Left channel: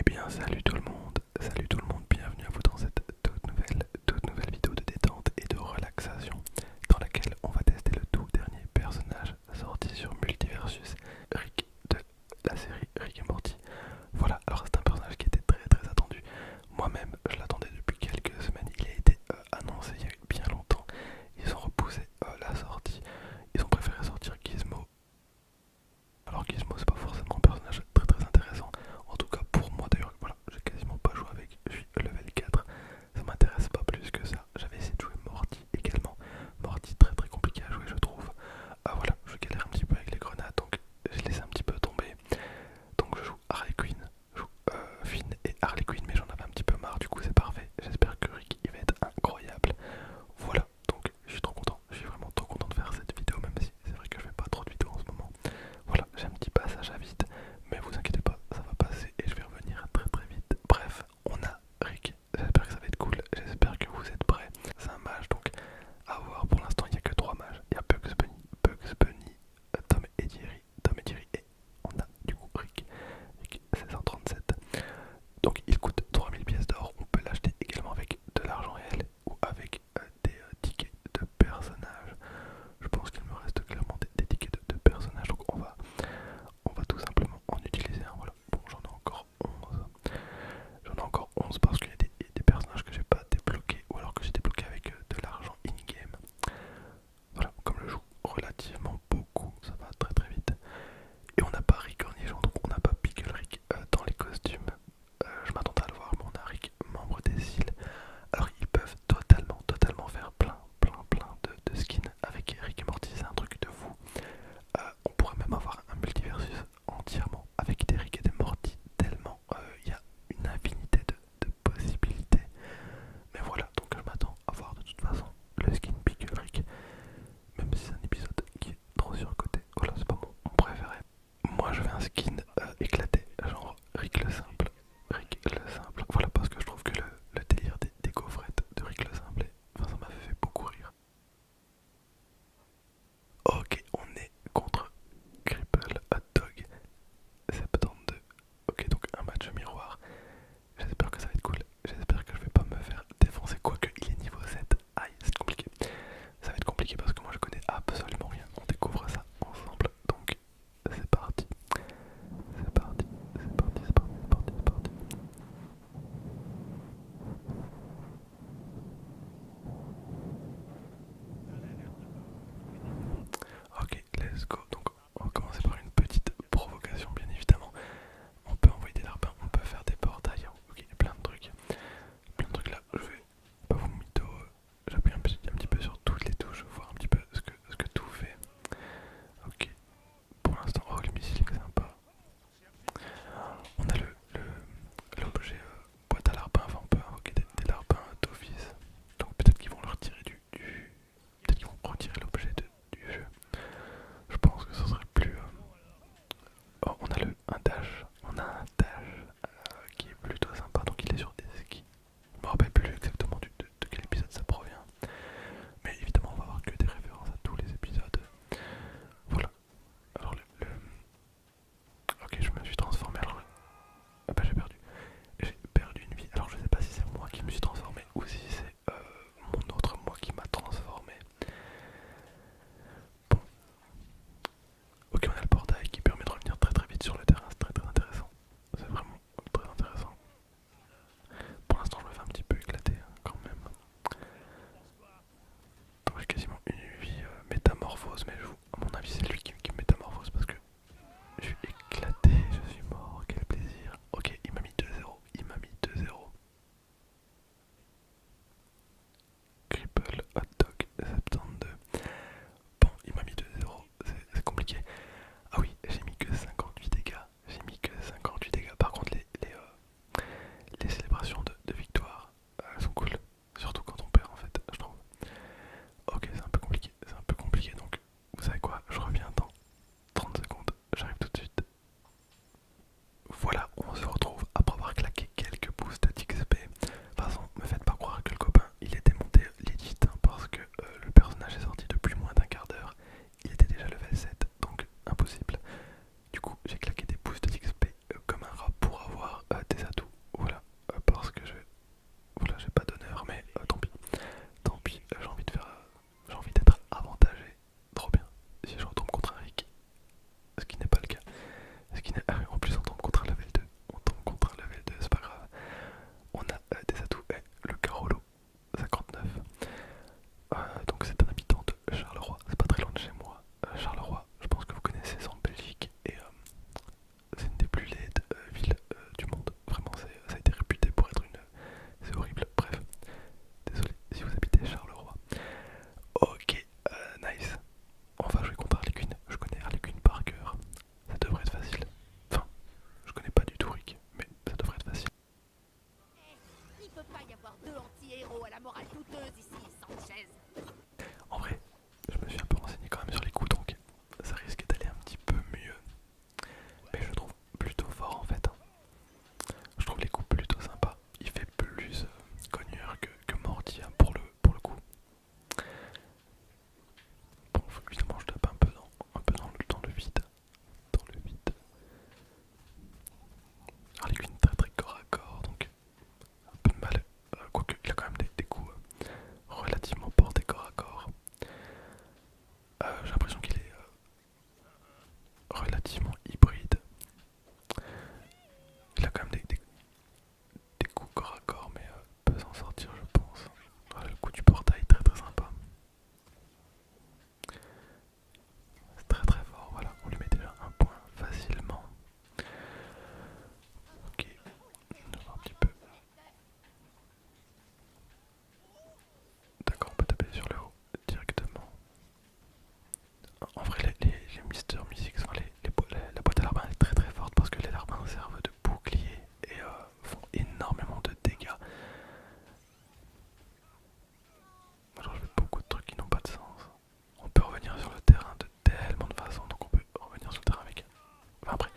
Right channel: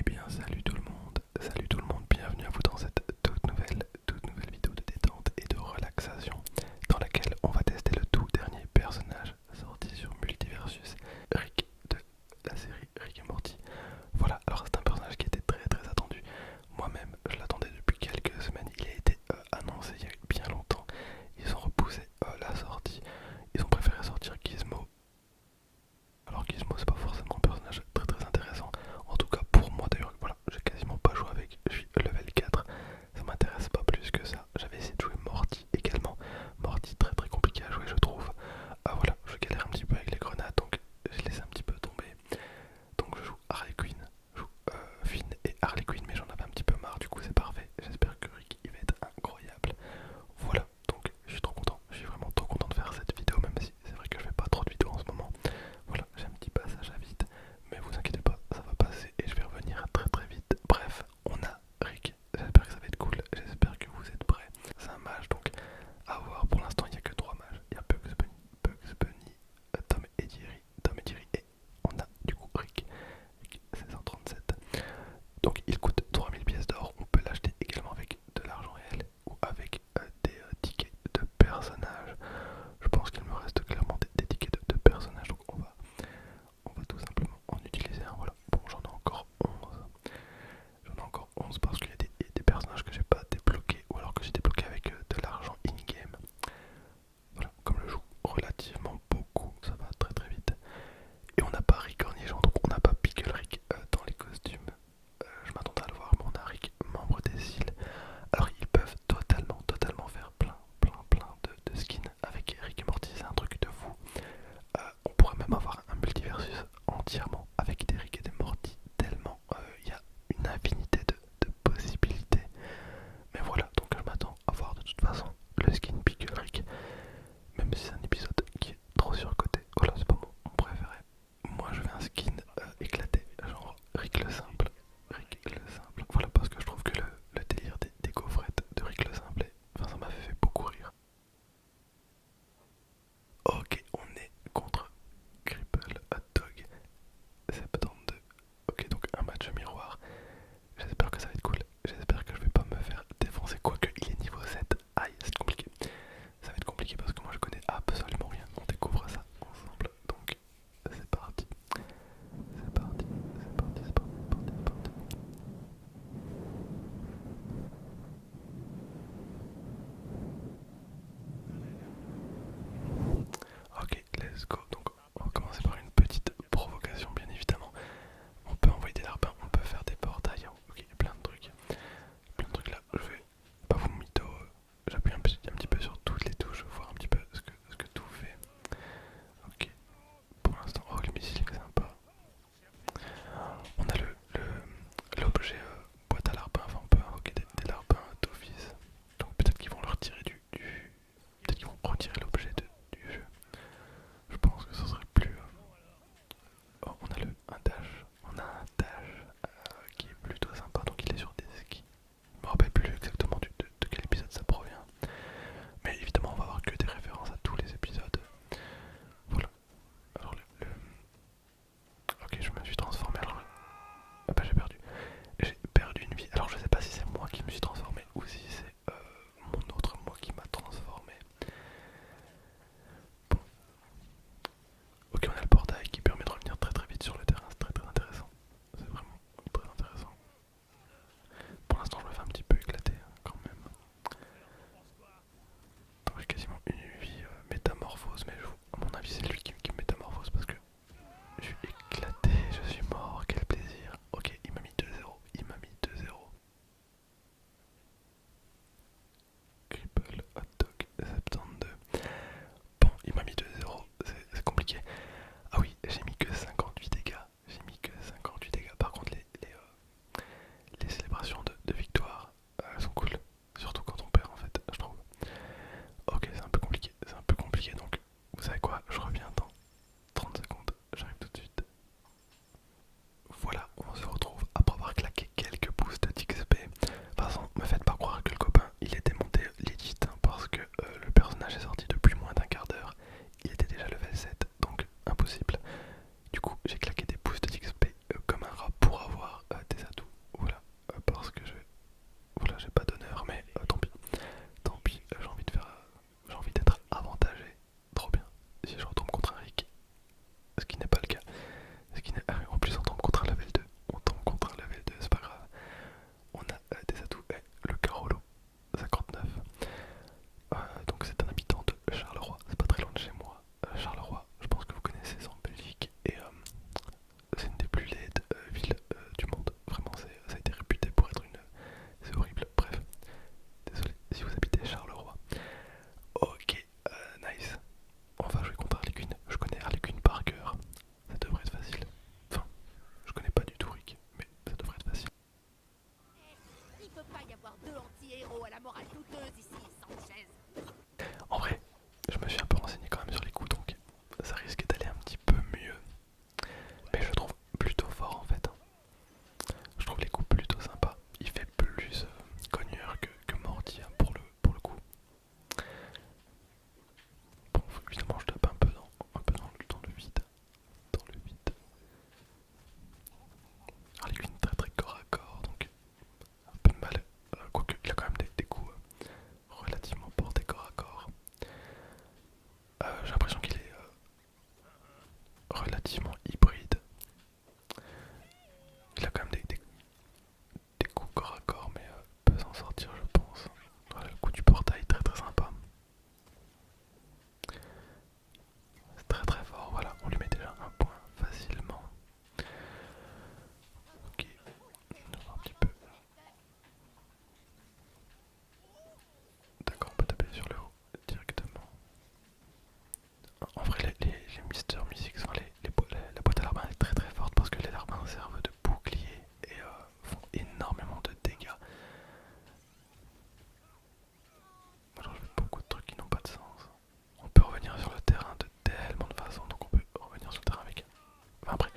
Eh bien salut tout le monde, bienvenue à vous dans cette toute nouvelle vidéo de détente et de relaxation dans laquelle on va tester le tout dernier personnage sorti sur Multiversus, Rick de la série Rick et Morty. Voilà, alors c'est un personnage qui était très attendu. Moi-même je l'attendais depuis quelques semaines, il a été annoncé il y a bien longtemps. Ils ont repoussé la sortie, ils ont préféré sortir Gizmo. Alors Gizmo c'est pas forcément un personnage très intéressant, en tout cas pour moi d'ailleurs, voilà, j'ai quasiment pas joué avec, je suis level 4, ça m'intéresse pas plus que ça. J'avais essayé de jouer Morty également, Morty très compliqué à jouer je trouve. Voilà, je galère un petit peu avec les grenades donc je laisse un petit peu tomber. Donc je joue Harley Quinn, je joue Finn et Harley Quinn mais j'en avais un petit peu marre, du coup c'est parfait. J'espère que Rick il va être incroyable. Voilà, donc je suis trop content, je suis vraiment trop content de faire cette vidéo même si c'est vrai que je fais pas trop de vidéos en ce moment. Voilà, j'ai un petit passage à vide, mais vous inquiétez pas, ça va passer et je vais revenir très vite. Bref, on a Rick, j'espère que ça va être cool, j'espère que vous êtes prêts. C'est un mage donc à voir, pour l'instant il n'y a que 3 mages. Il y a Bugs Bunny, Tom et Jerry et on a du coup Rick 1637. Donc il coûte 3000 pièces d'or, on peut l'acheter également avec de l'argent réel ou avec des tickets de personnages. Je pense qu'il me reste clairement des tickets de personnages, donc on va tout simplement en utiliser un. Voilà, bon j'en ai encore 11. J'en ai encore 11 parce qu'il y a des personnages que j'ai pas débloqués ou alors que j'ai débloqué avec de l'argent in-game. Voilà, comme je joue relativement beaucoup, ça va très vite. Et on n'a pas Rick Cornichon, donc on n'a pas Pickle Rick dans les costumes. Je m'attendais à le voir, mais on a Rick, membre des îles. Alors ils peuvent totalement faire plein de skins avec Rick et Morty, c'est un truc de fou. On pourrait même avoir un multiversus entièrement avec des Rick et des Morty, tellement il y a une infinité de possibilités. Mais voilà, donc je m'attends à voir de toute façon le skin Pickle Rick, même si c'est un épisode qui est Mister Music, enfin, la boîte à larbin est très très forte parce que les larbins servent de bouclier et font énormément de dégâts. Alors je fais beaucoup de trucs qui n'ont pas de sens. On peut revenir sur le terrain de tellement de façons, donc on peut revenir sur le terrain avec... Enfin après,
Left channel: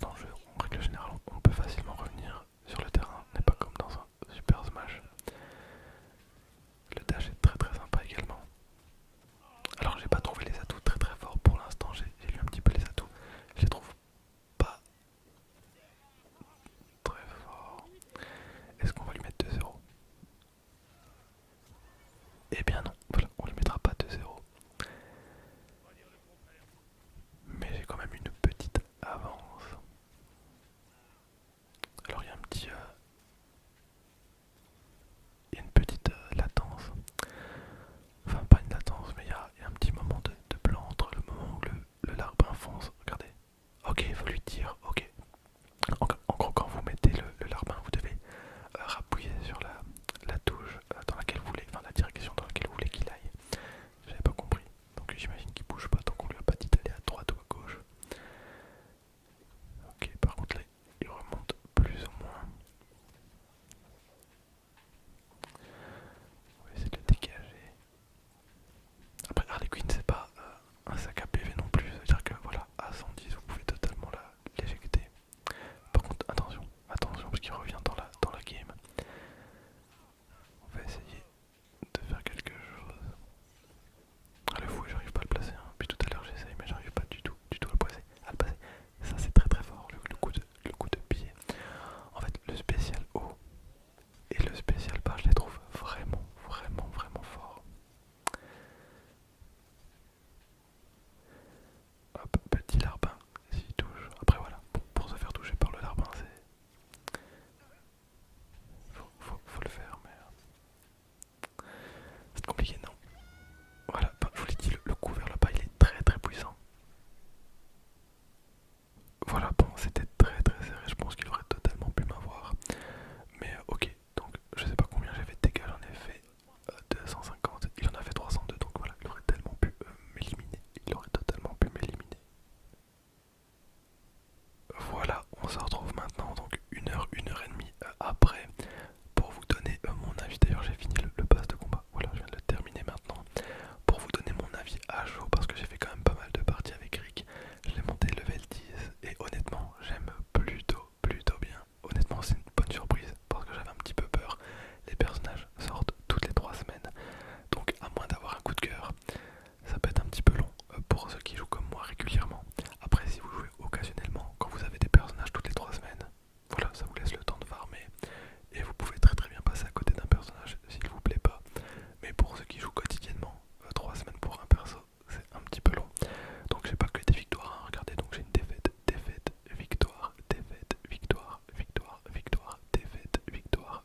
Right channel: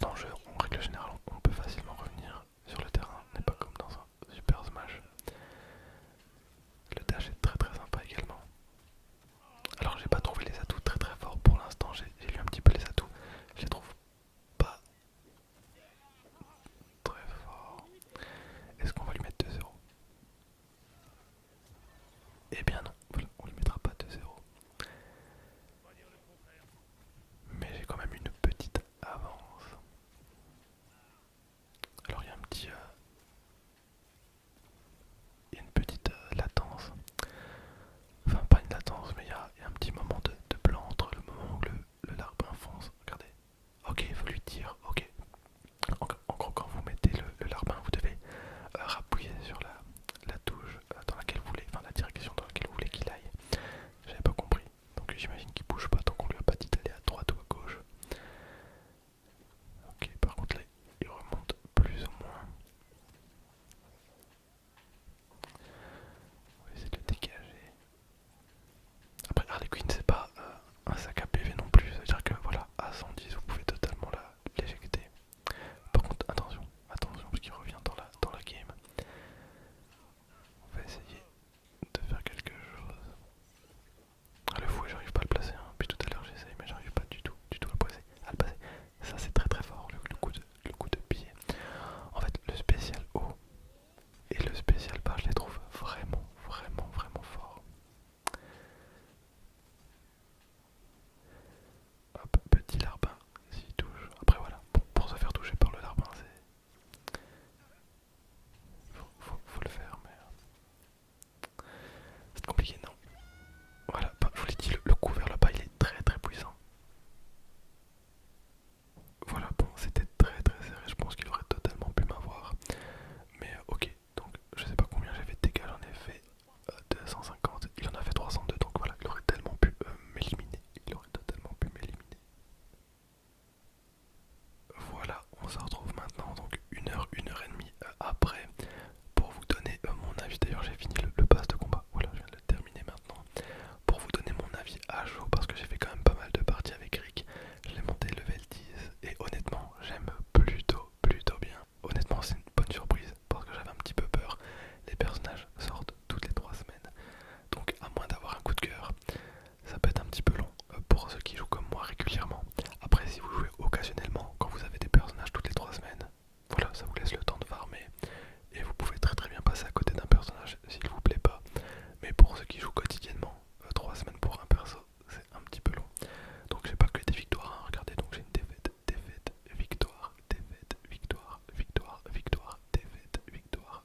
dans le jeu, en règle générale, on peut facilement revenir sur le terrain, n'est pas comme dans un Super Smash. Le dash est très très sympa également. Alors j'ai pas trouvé les atouts très très forts pour l'instant, j'ai lu un petit peu les atouts, je les trouve pas très forts. Est-ce qu'on va lui mettre 2-0? Eh bien non, voilà, on lui mettra pas 2-0. Mais j'ai quand même une petite avance. Alors il y a il y a une petite latence. Enfin pas une latence, mais il y a un petit moment de blanc entre le moment où le larbin fonce. Regardez. Ok, il faut lui dire, ok. En gros, quand vous mettez le larbin, vous devez rappuyer sur la touche dans laquelle vous voulez, enfin la direction dans laquelle vous voulez qu'il aille. J'avais pas compris. Donc j'imagine qu'il bouge pas tant qu'on lui a pas dit d'aller à droite ou à gauche. Ok, par contre là, il remonte plus ou moins. On va essayer de le dégager. Après Harley Quinn c'est pas un sac à PV non plus, ça veut dire que voilà, à 110 vous pouvez totalement l'éjecter. Par contre attention, attention parce qu'il revient dans la game. On va essayer de faire quelque chose. Ah le fou j'arrive pas à le placer, hein. Puis tout à l'heure j'essaye mais j'arrive pas du tout à le placer. Ça c'est très très fort, le coup de pied. En fait le spécial haut et le spécial bas je les trouve vraiment forts. Hop, petit larbin, s'il touche. Après voilà, bon, pour se faire toucher par le larbin c'est... Faut le faire mais... c'est compliqué non. Voilà, bah, je vous l'ai dit, le coup vers le bas il est très très puissant. Voilà, bon c'était très très serré, je pense qu'il aurait totalement pu m'avoir. Mais ok, donc je sais pas combien j'avais de dégâts, j'en ai fait 250, il en a fait 302, donc voilà, il aurait tellement pu m'éliminer. Il aurait totalement pu m'éliminer. Voilà, on se retrouve maintenant, donc une heure et demie après, pour vous donner mon avis. D'ailleurs j'ai fini le pass de combat, voilà, je viens de le terminer maintenant. Pour vous donner mon avis à chaud, parce que j'ai fait quand même pas mal de parties avec Rick. Je l'ai monté level 10 et honnêtement j'aime plutôt bien. Honnêtement c'est une bonne surprise parce que j'avais un petit peu peur. Les personnages sortent toutes les 3 semaines. Donc à moins d'avoir un coup de cœur, ça peut être un petit peu long pour ceux qui jouent comme moi régulièrement. Après si vous jouez occasionnellement, quand vous avez des personnages toutes les 3 semaines, voilà, ça vous laisse le temps de farmer. Et vous pouvez très très bien passer à côté d'un personnage s'il vous plaît pas. Mais pour ceux qui jouent quotidiennement, 3 semaines pour un perso, c'est un petit peu long. Donc j'ai pas que des victoires, hein. Regardez, donc j'ai une défaite, victoire, défaite, victoire, victoire, défaite, victoire.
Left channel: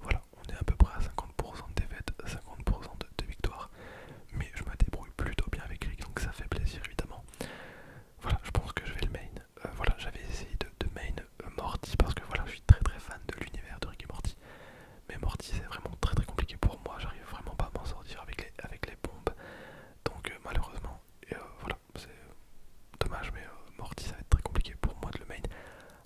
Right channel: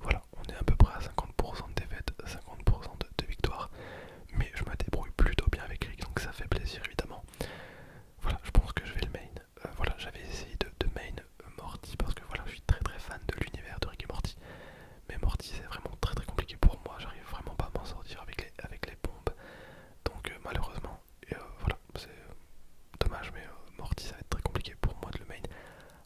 Voilà, on est à peu près à 50% de défaite, 50% de victoire. Mais je me débrouille plutôt bien avec Rick, donc ça fait plaisir évidemment. Voilà, je pense que je vais le main. Voilà, j'avais essayé de main Morty parce que voilà, je suis très très fan de l'univers de Rick et Morty. Mais Morty c'est vraiment très très compliqué pour moi, j'arrive vraiment pas à m'en sortir avec les bombes. Donc malheureusement, voilà, c'est dommage, mais Morty ça va être très compliqué pour moi de le main.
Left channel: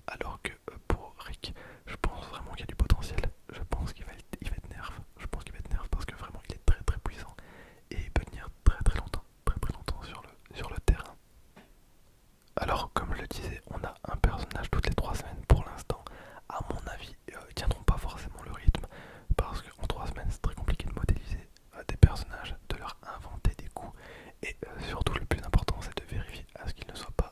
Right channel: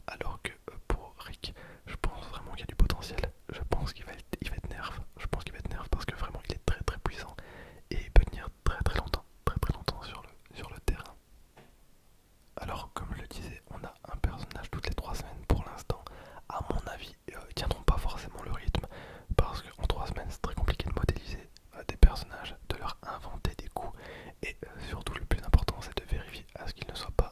Alors que pour Rick, je pense vraiment qu'il y a du potentiel. Je pense qu'il va être nerf. Je pense qu'il va être nerf parce que vraiment il est très très puissant. Et il peut tenir très très longtemps sur le terrain. Alors comme je le disais, on a un personnage toutes les 3 semaines pour l'instant. À mon avis, ils tiendront pas forcément le rythme. Parce qu'en 3 semaines c'est très compliqué de modéliser des personnages, de leur inventer des coups. Et surtout le plus important c'est de vérifier à ce qu'ils ne soient pas